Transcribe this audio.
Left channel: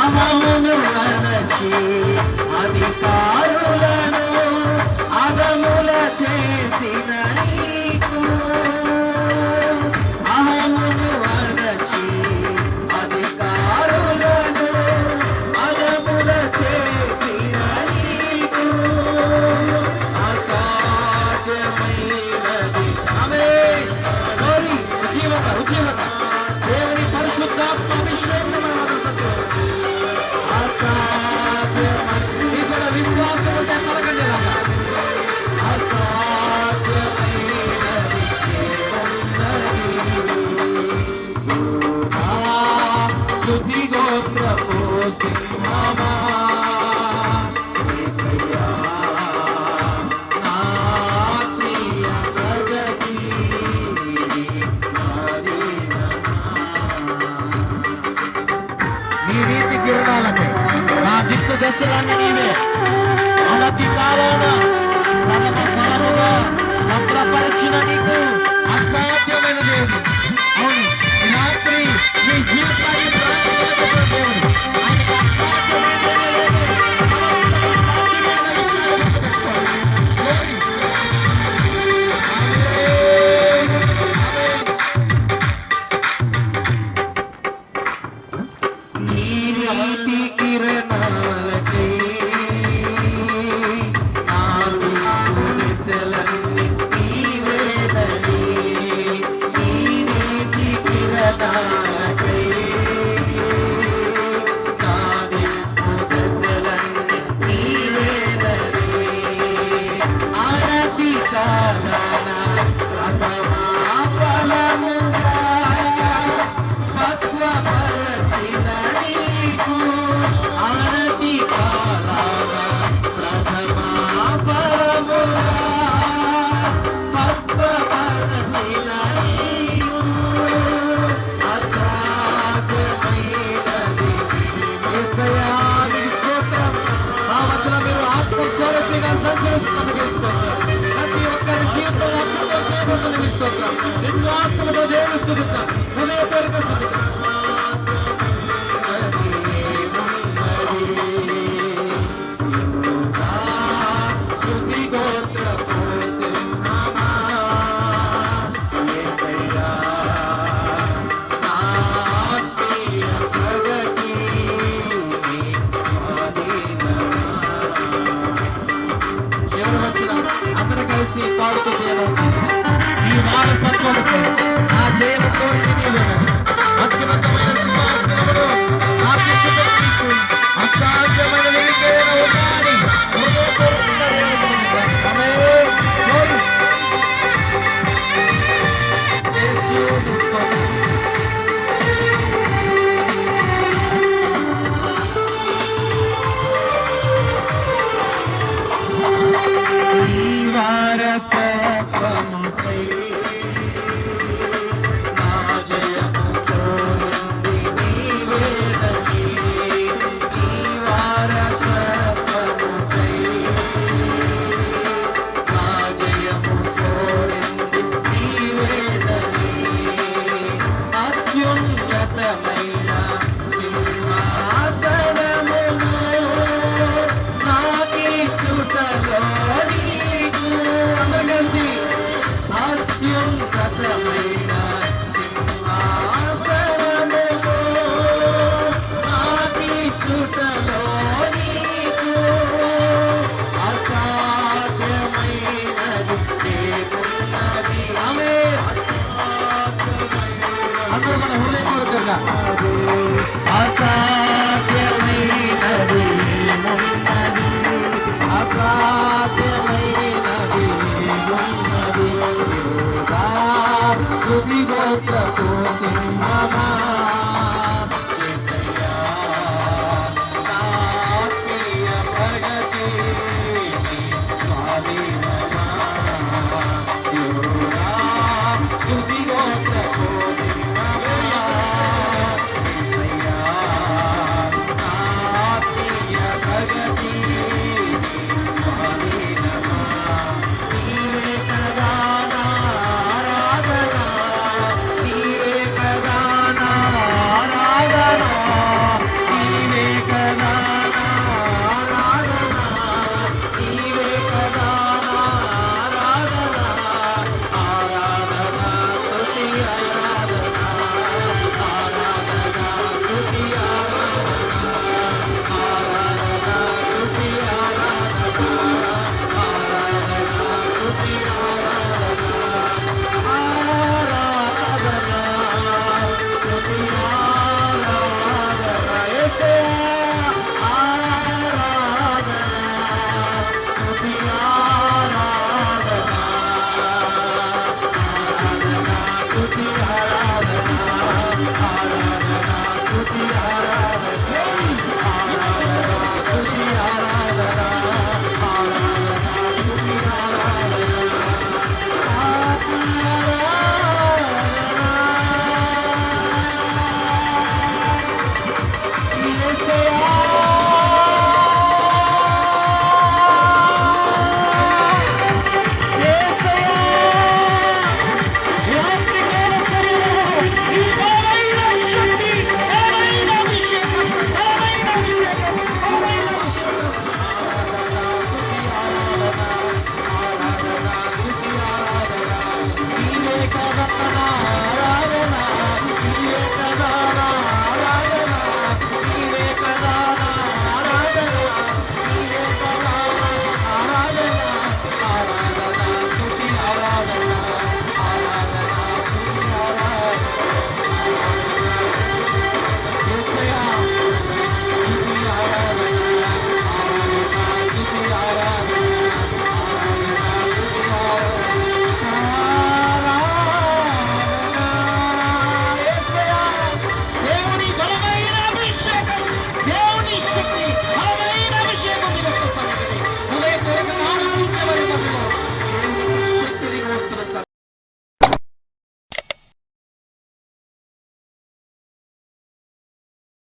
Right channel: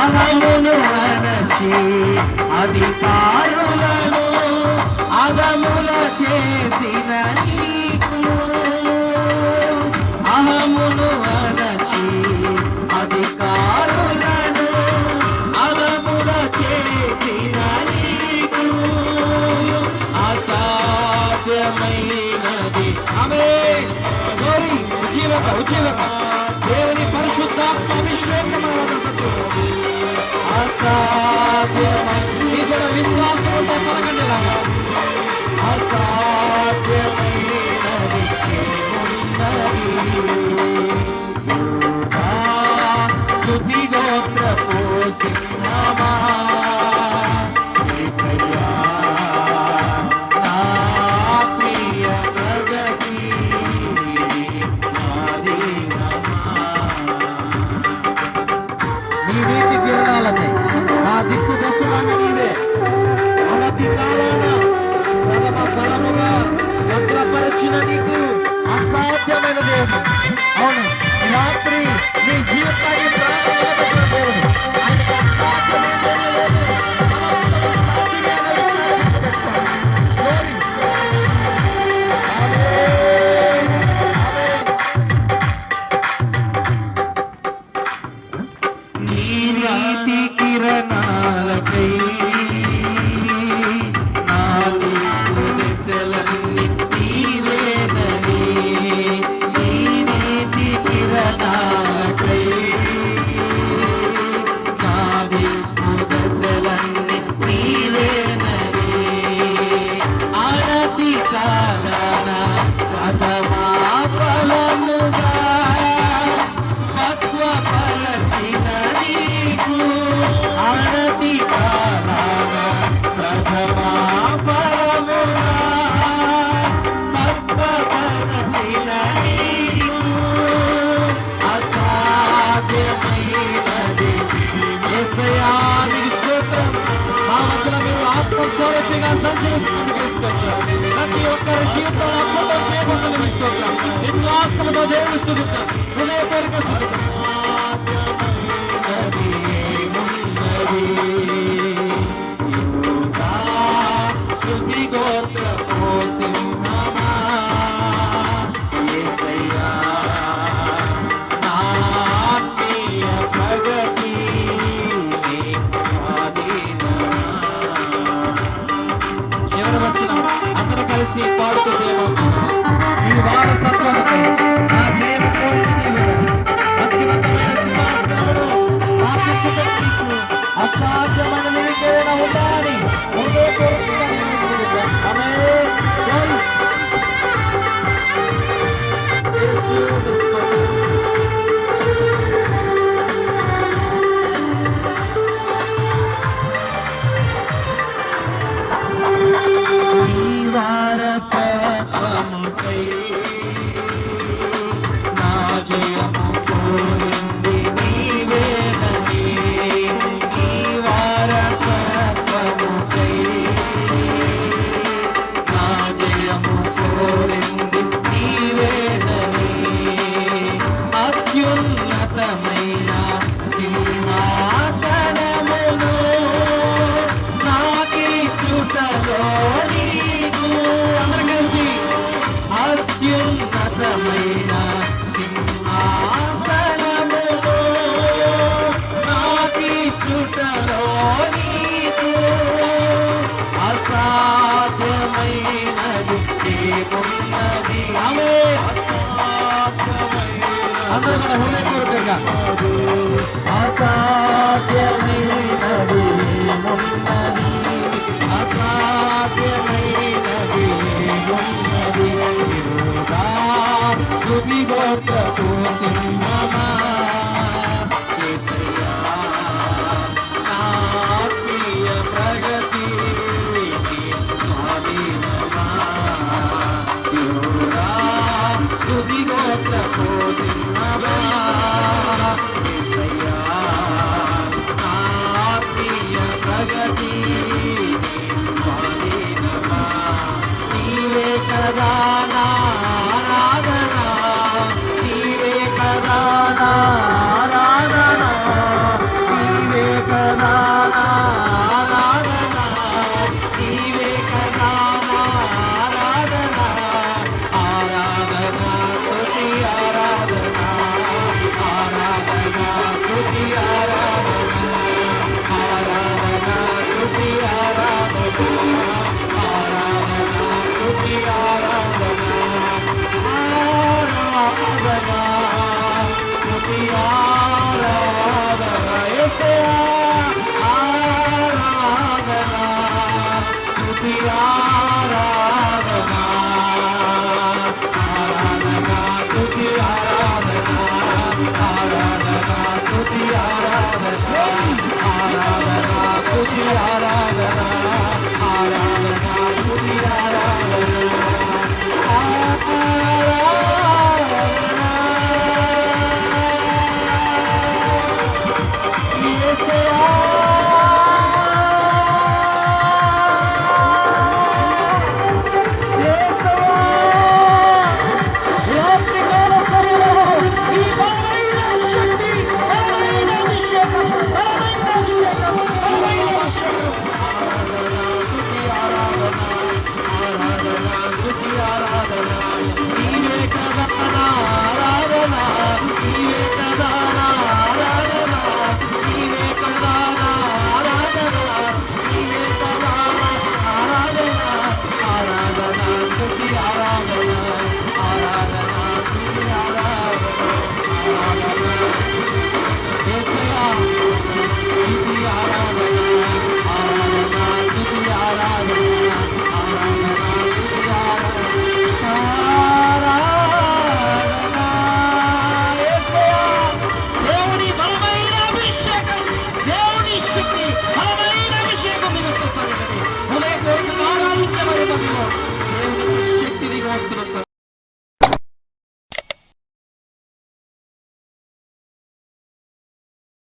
అమలును అనచి అధికారులను అదముల చేసిన నీకు. అమమును అనచి అధికారులను అదముల చేసిన నీకు. అసాధ్యమైనది. అమే గోరి ఉద్యమక ఉద్యమక దేవుని పరిశుద్ధాత్మ అభిషేకం అసాధ్యమై ఇది కూడా విశ్వాసంతో పలకండి అసాధ్యమైనది ఉన్నది ఆత్మస్వరూపిగా సంచరిస్తున్నాం ప్రతి ఒక్కరి జీవితంలో అద్భుతం చేయకుండా విశ్వాసంతో దేవుడిస్తున్నాం Aradhana, Aradhana, Suti Aradhana, Aradhana, Suti Aradhana, Aradhana, Suti Aradhana, Aradhana, Suti Aradhana, Aradhana,